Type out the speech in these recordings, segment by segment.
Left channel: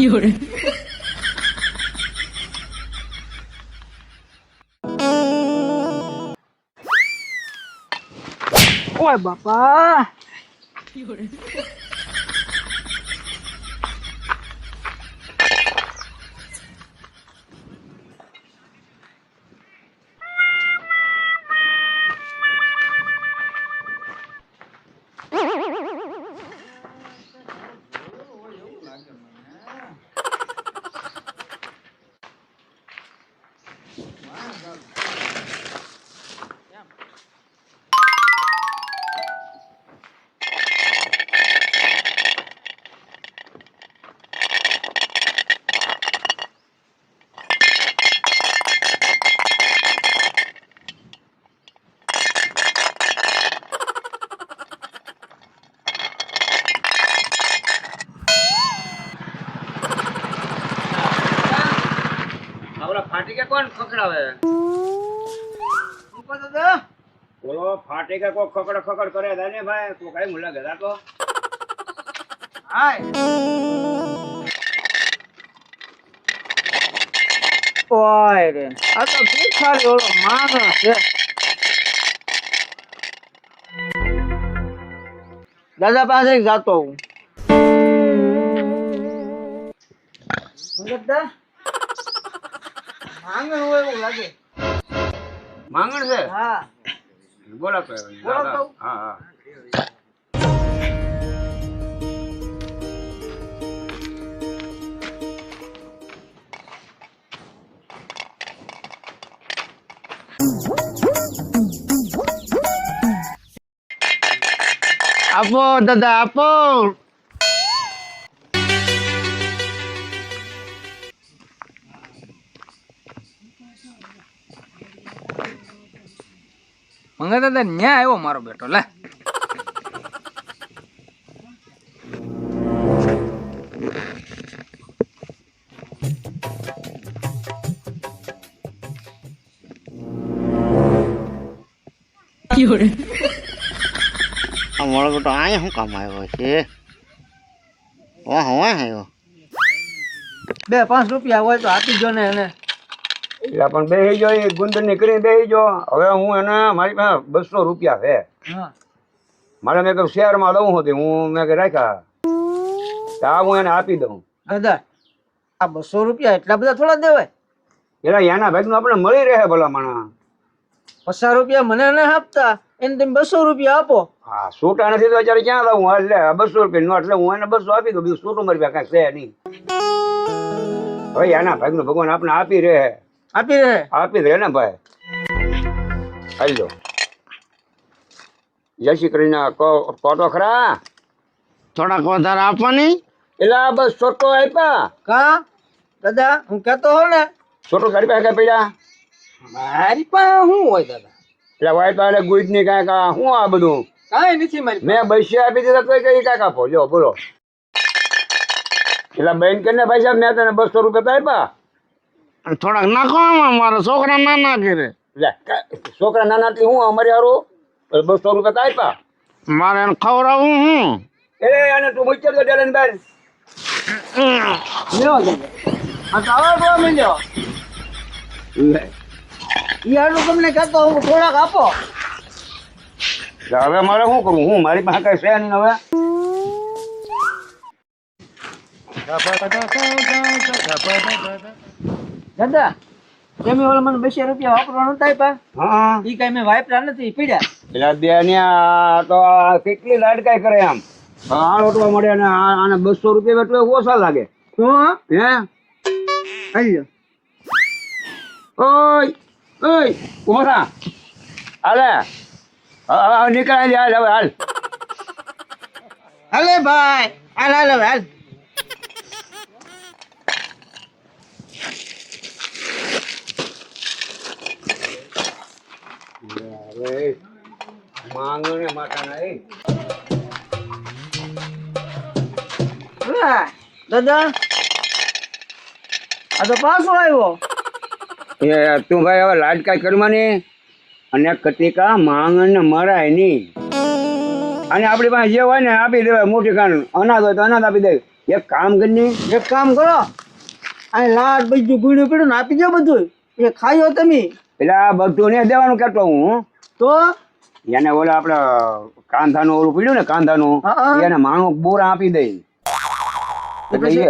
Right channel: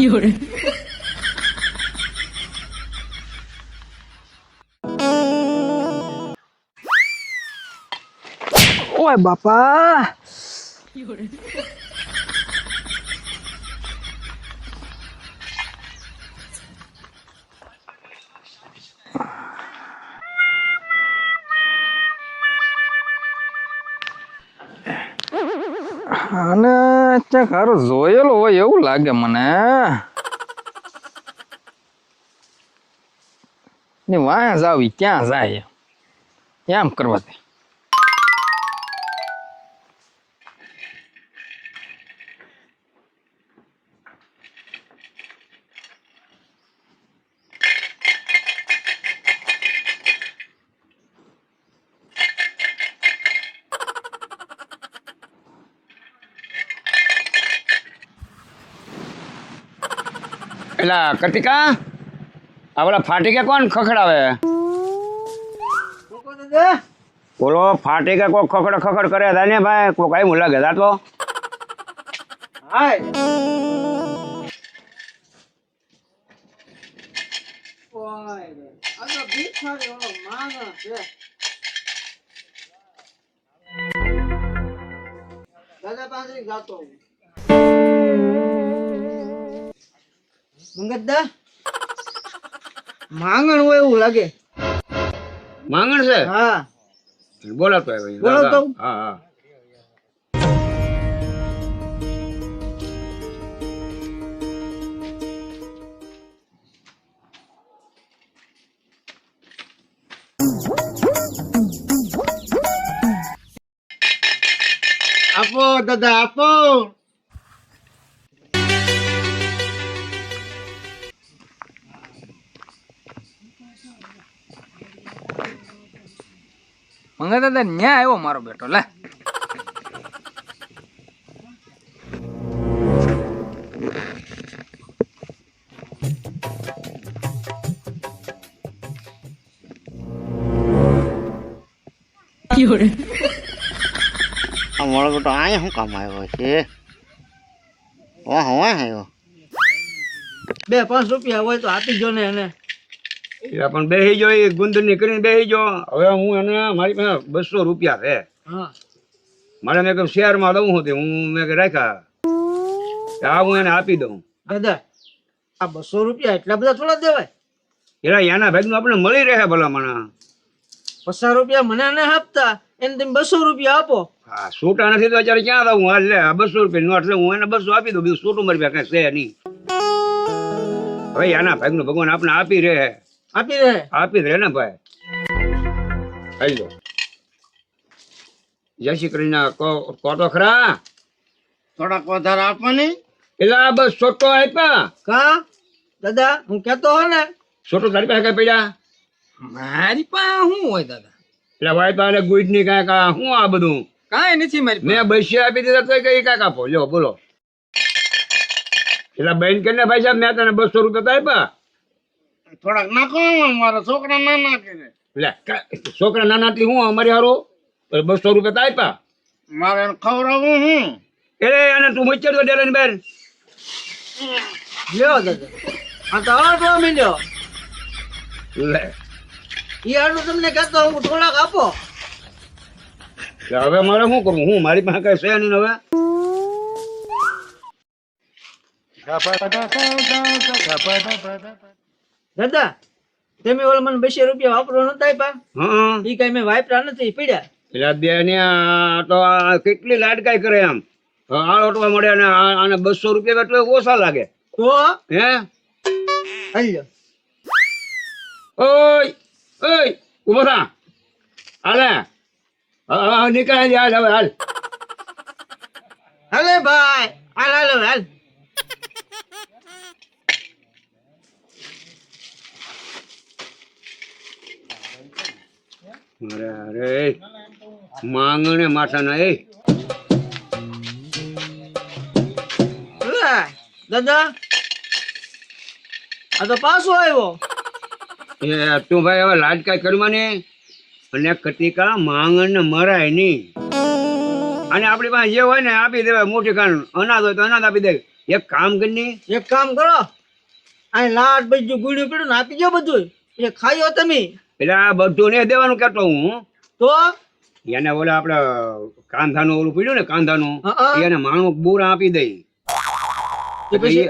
有人。ઓય બાપા有人。અને ક્યાંક હારો જોયેલો હોય એવું લાગે મને ની વાયા જાવી ક્યાં જાય એમ કરવા દે પેલા કટિકા આપડા ફાટીકે કોણ ખખડાવે બોલો ફાટીકે કોક ખખડ ખખડ કરે હતા ને ભાઈ કોક આઈ મુલા ગેતા તો ઓય રે આ તો ભીખારી ઓલો માણસ છે દાદા પાસે જાતો હું મંગતદા માંગણ હોય એવું લાગે માંગણ છે હા બોલો તો બોલો તો હા હા આપો દાદા આપો મંગા દાદા ન્યા આવ્યો મારો બેટો લે有人。 અમારો બેટો અહીંયા શું કામ આવ્યો છે વાહ વાહ આવ્યો 2-5 રૂપિયા હોય તો આપી જો ને એને એટલે પણ બેસી જો એ ગુંદર ની કરીને બેસી જો હવે હું એને મારી પાસે 200 રૂપિયા છે હા મારે મેં કહ્યું શહેરમાં દઉં હતી હું મેં રાખ્યા આ હું એને આપી દઉં દાદા આ 200 રૂપિયા એટલા બધા થોડા દેવાય એના યાના ભાગનું આપણે મળી રહે ભલા માણા 50 રૂપિયા મને ના આપતા એને તમે 200 રૂપિયા આપો હા છૂટા નથી તો અત્યારે ક્યાં દઉં હાલ લે 200 રૂપિયા નોટ લે હું એને 200 આપી દઉં બીજું છૂટું મારી પાસે કાંઈ છે નહીં હવે યાના ભાગનું ભગવાન આપણે આપી રહે આપી દે ને ભાઈ આવી જાઓ જય શ્રી કૃષ્ણ કહો તો ખરા થોડાક વધારે આપવાની એટલે આ બસ છોટો આપ્યા કા દાદા હું કહેતો હો ને છોટો તારી પાસે કઈ પડ્યા મારી પાસે શું હોય દાદા એટલે ભાઈ પાસે ગુડ ની કાંઈક આ શું આ બધું કાંઈ નથી મારી મેં 200 આપી દીધા તો કઈ કાંઈક આપો લ્યો બોલો એટલે બેન કરીને ભાઈ સાહેબ મેં તને 200 રૂપિયા તો આપ્યા થોડાક નાખો મારા છોકરા નાના કરે એટલે છોકરા નાના થી હું અમારી હારું 200 રૂપિયા તો આપ્યા મારે એને ખવડાવવું હું એટલે અને તું મુચ્ચર તો ડેલા ની બહાર લ્યો દાદા આ તો આવો મિલ્યો લે યારું તમને કહેતો હું થોડાક આપો એટલે હવે મારે શું કરું હું મારી પાસે કઈ છે નહીં હવે દાદા તમે ઓલા મને 200 રૂપિયા વાપરવાનું નતા આપ્યા હા ઈ કઈ મેં વાપર્યા નથી પડ્યા એટલે બેન્યા તો આ કેટલી લાડકાઈ કરે આમ આ લોટવા મળે અને આને 200 રૂપિયા એટલે ઓછા લાગે તો હે હાલ્યો ઓય ઓય ઉભો થા હાલે હવે નીકળાઈ જાય હવે હાલ હાલે ભાઈ હાલ હાલ હવે હાલ અરે માંગણે માથાના એ દાદા આ તો પાછો આવ્યો. એ તું ભાઈ હવે લાડકાઈ કરવાની અને કટિકા માંગણ ને મરાય નહીં. અને આપણી પાસે જે હોય ને આપી દેવાય. મોટી કાન અનાજ હોય તો અનાજ આપી દે. એક કામ કરી એક કામ કરો, અહીં લાડ બીજું ગુડ્યું પડ્યું ને આપી દો બધું. એ ખાયો તમે એટલે આ બધું ને દેવાનું કેતો હું તો એને ઓલા આપડે કાંધાનું ઓલું પડ્યું ને કાંધાનું હા. એને માણું બુરા આપી દઈ.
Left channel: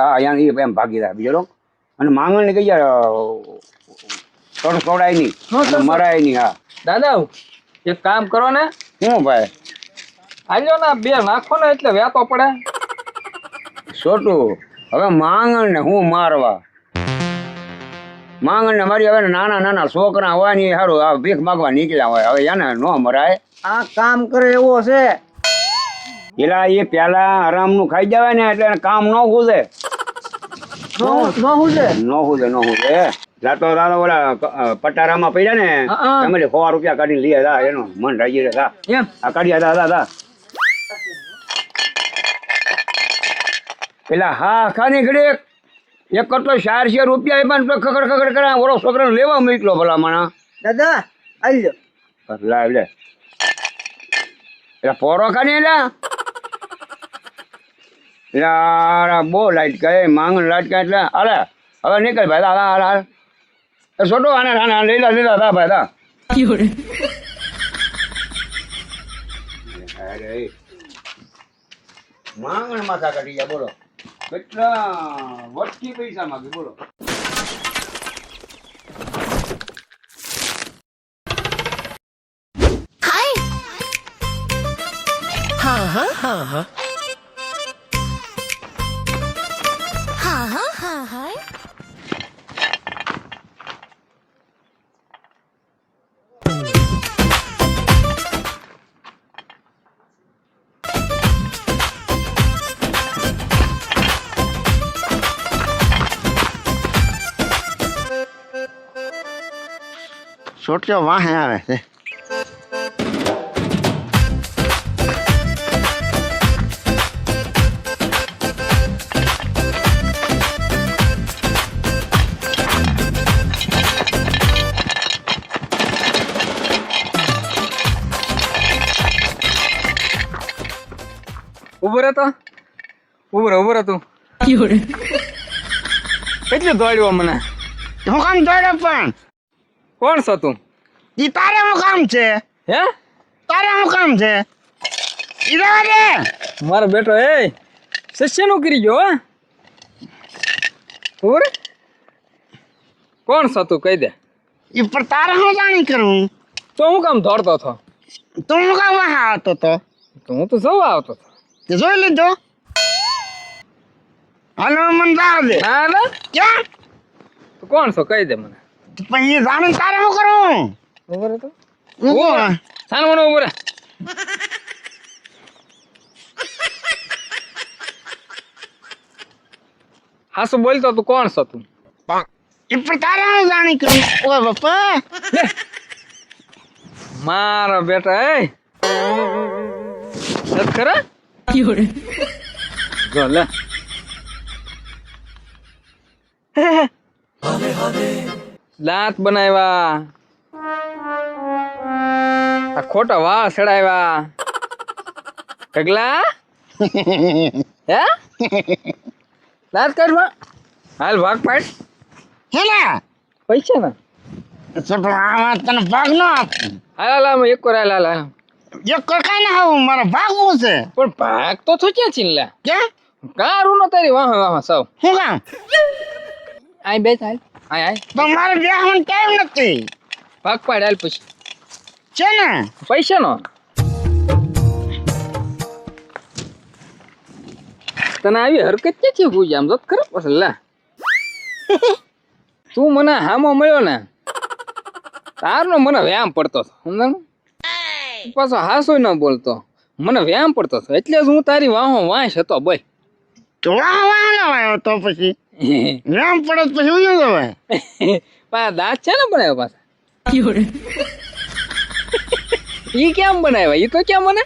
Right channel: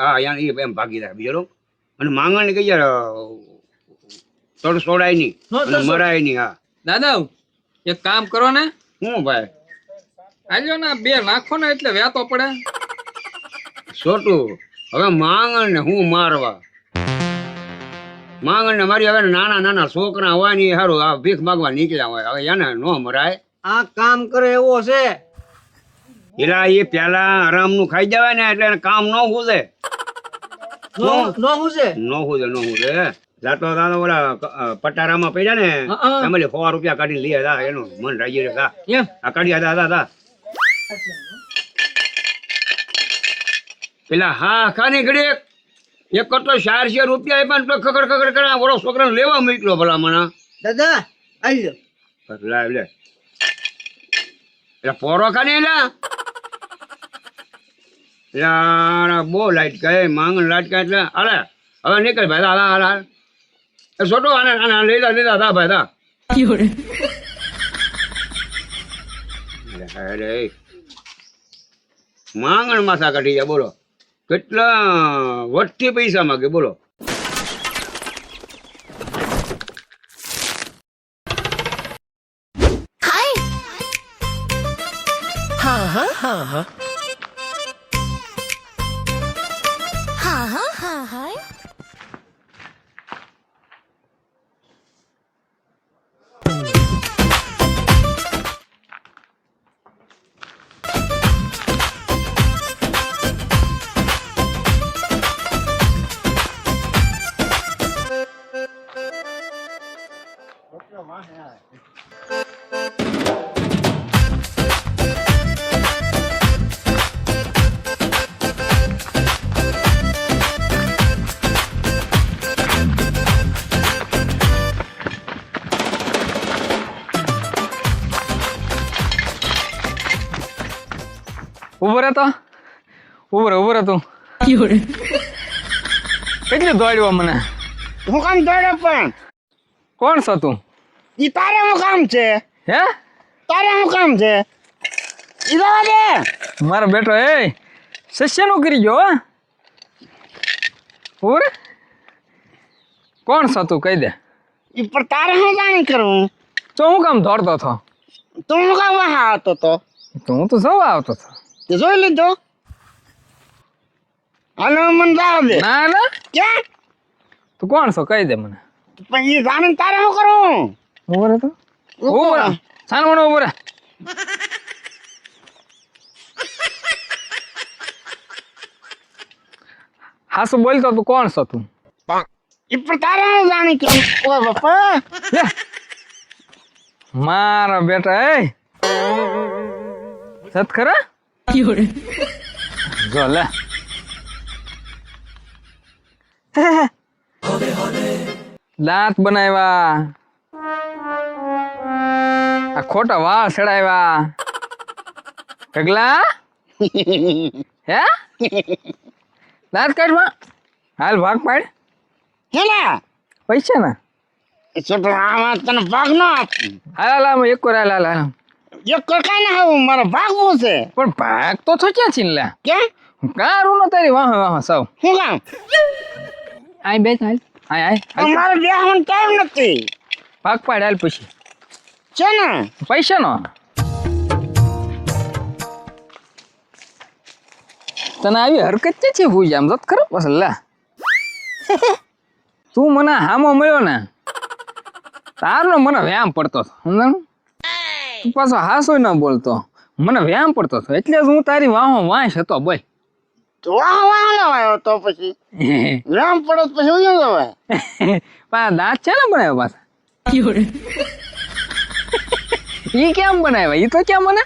હા એમ ભાગીદાર બીજો. અને માંગણ ને કઈ યાર સોડાય નહીં અને મરાય નહીં. હા દાદા એક કામ કરો ને, શું ભાઈ આલ્યો ના બે નાખો ને એટલે વ્યાતો પડે. છોટું હવે માંગણ ને હું મારવા માંગણ ને મારી. હવે નાના નાના છોકરા હોય ને એ સારું આ ભીખ માગવા નીકળ્યા હોય. હવે એને ન મરાય. આ કામ કરે એવો છે. એલા એ પેલા આરામ નું ખાઈ જવાય ને એટલે એને કામ ન હુજે. નો હું છે ન હુજે જાતો દાદા ઓલા પટારામાં પડ્યા ને હા. તમે 100 રૂપિયા કાઢી લઈએ દા એનો મન રાજી રે દા એમ આ કાઢ્યા દા પેલા હા ખાની ઘડી એક કટો 400 રૂપિયા પણ ખગડ ખગડ કરા ઓલો છોકરો લેવા મોકલો ભલા માણા. દાદા આલ્યો લાવ લે એટલે પોરો ખાને એટલે બહુ લાઈટ કહે માંગણ લાઈટ કહે એટલે હાલે હવે નીકળ ભાઈ હાલ હાલ હાલ છોટો આને લીધા દા ભાઈ દા. 有人，અરે માંગણ માથા કાઢી ગયા બોલો. કેટલા વટથી પૈસા માંગે બોલો. છોટો વાહે આવે છે. ઉભો રહે તો ઉભો રહે તું. 有人， કેટલે દોડ્યો મને. હું કામ દોડે પણ કોણ છો તું? ઈ તારે હું કામ છે? હે તારે હું કામ છે? ઈ રહેવા દે. મારો બેટો એ શિષ્યનું કરી ગયો. હા ઉભો રે. કોણ છો તું કહી દે. ઈ પણ તારે હું જાણી કરું? તો હું કામ દોડતો હતો? તું હું કામ વાહ આવતો તો? તો હું તો સવા આવતો હતો. તે જોઈ લીધો? અને મને જાવ દે. ના ના ક્યાં? તું કોણ છો કહી દે મને. પણ ઈ જાણે તારે હું કરું? ઉભો રે તો. ઉભો રહે. સાન મને ઉભો રે. હાસુ બોલતો તું કોણ છો તું? ઈ પણ તારે હું જાણી કરું? ઓ બાપા. મારો બેટા એ સત ખરા 有人， જો લે. દાંત બનાવ્યા, આ ખોટા વાળ ચડાવ્યા. ઢગલા હે દાંત કાઢવા હાલ ભાગ પાડ. હેના પૈસા ના છોટો આમાં તને ભાગ ન આપું. હાલ હાલ એક વાર હાલ હાલ હાલ. એક કઈ ના આવું મારે ભાગવું છે. પણ ભાગ તો થયા છે ને લે. ક્યાં? કારું નો તારી વાહ વાહ સૌ. શું કામ? આય બે થાય આય આય પણ મારે બેહવાનો ટાઈમ નથી. ભાગ પાડ હાલ પછી છે ને પૈસા નો. તને આવી હરકત છે છે ભૂજ આમ તો ખરાબ પસંદ લે. તું મને હામો મળ્યો ને તારો મને વ્યાયામ પડતો હતો સમજણ. તું પાછો હાસો ન બોલતો મને વ્યાયામ પડતો હતો એટલે જ હું તારી વાહો વાંસ હતો બોય. તો વાહ વાહ ના આવ્યો તો પછી રામ પડત પછી ઉયો જવાય. પાછા દાંત છે ને બનાવ્યો પાછા. 有人， ઈ કેમ બનાવ્યા ઈ તો કેમ મને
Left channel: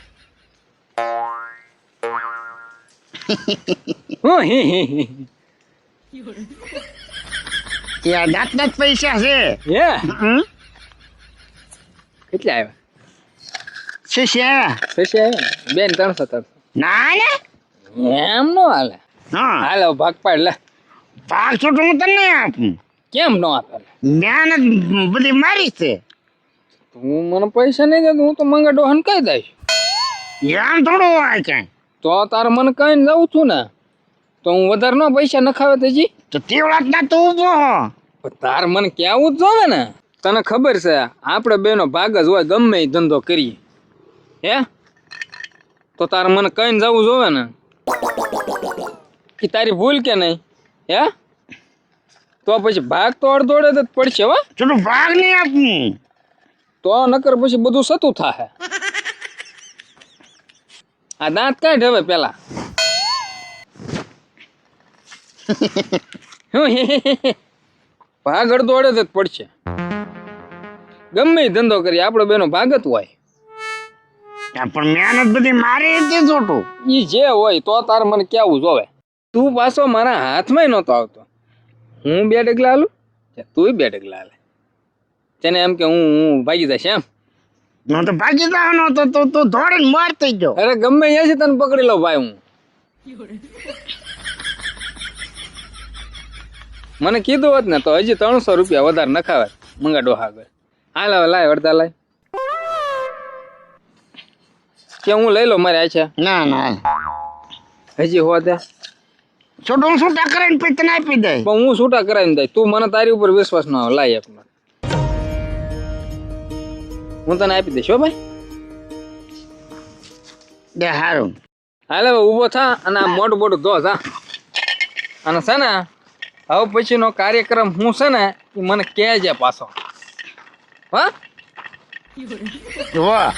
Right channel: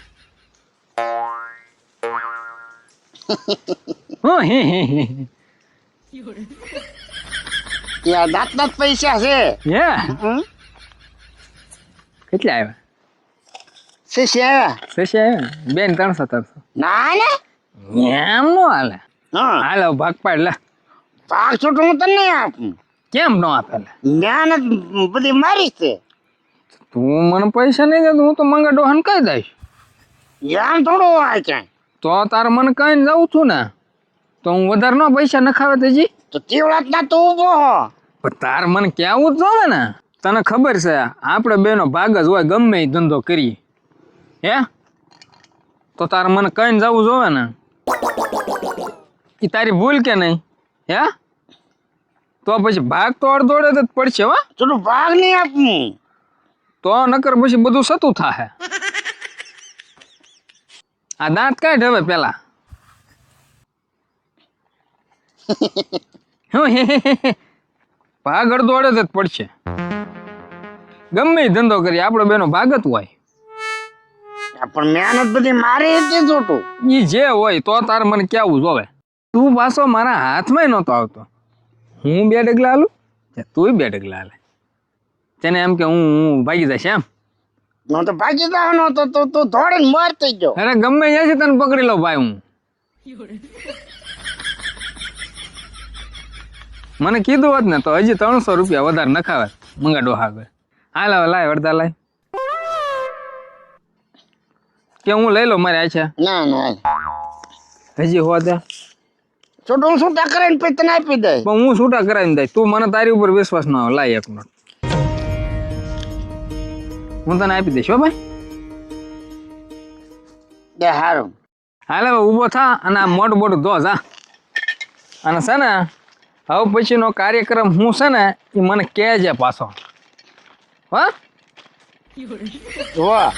યા દાંત પૈસા છે હમ? કેટલા આવ્યા છે થશે બેન 300 ના ને એમ નો હાલે હા હાલો ભાગ પાડ લે 500 તો હું તને આપું કેમ નો આપે લે મહેનત બધી મારી છે તું મને પૈસા નહીં દે તો હું તો મંગા ડોહન કહી દઈશ યાર થોડું હોય કાંઈ તો તાર મને કઈ જાઉં છું ને તો હું વધારે નો પૈસા નખાવે તેજી તો તેવડા ના તો ઊભો હો પણ તાર મને કેવું જ જોવે ને તને ખબર છે આપણે બેનો ભાગ જ હોય ગમે એ ધંધો કરીએ હે તો તાર મને કઈ જવું જોવે ને એ તારી ભૂલ કે નહીં હે તો પછી ભાગ તો અડધોડે જ પડશે હો થોડું ભાગ નહીં આપું તો નકર પછી બધું સતું થાહે આ દાંત કાઢ હવે પેલા ભાગ અડધોડે જ પડશે ગમે એ ધંધો કરીએ આપણો બેનો ભાગ જ હોય પણ મહેનત બધી મારી હતી જોટું ઈ જે હોય તો તારે મને કેવું જોવે તું પાછો મારા હાથમાં નહોતો આવતો હું 2 ડગલા હાલું તું 2 ડગલા હાલે તેને એમ કે હું ભાગી જઈશ એમ હું તો ભાગી જવાનો હતો તો તું દોડીને માર થઈ ગયો અરે ગમે ત્યાંથી તને પકડી લઉં ભાઈ હું મને કીધું હોત ને તો હજી 300 રૂપિયા વધારે નખાવે મંગા ડોહા આગળ હાલ હવે લાય અડધા લાય કે હું લઈ લઉં મારે આછા ના ના હજી હોતે છોટું છૂટા કરીને પછી તને આપી દે પણ હું છૂટા કરાવીને દઈશ તું મને તારી ઉપર વિશ્વાસ ન આવે લાય એક મિનિટ હું તને આપી દઈશ હો ભાઈ દે હારું હાલ હવે ઊભો થા અને આ મોટું મોટું ધો જા અને છે ને હવે પછીનો કાર્યક્રમ હું છે ને એ મને કહેજે પાછો હા વાહ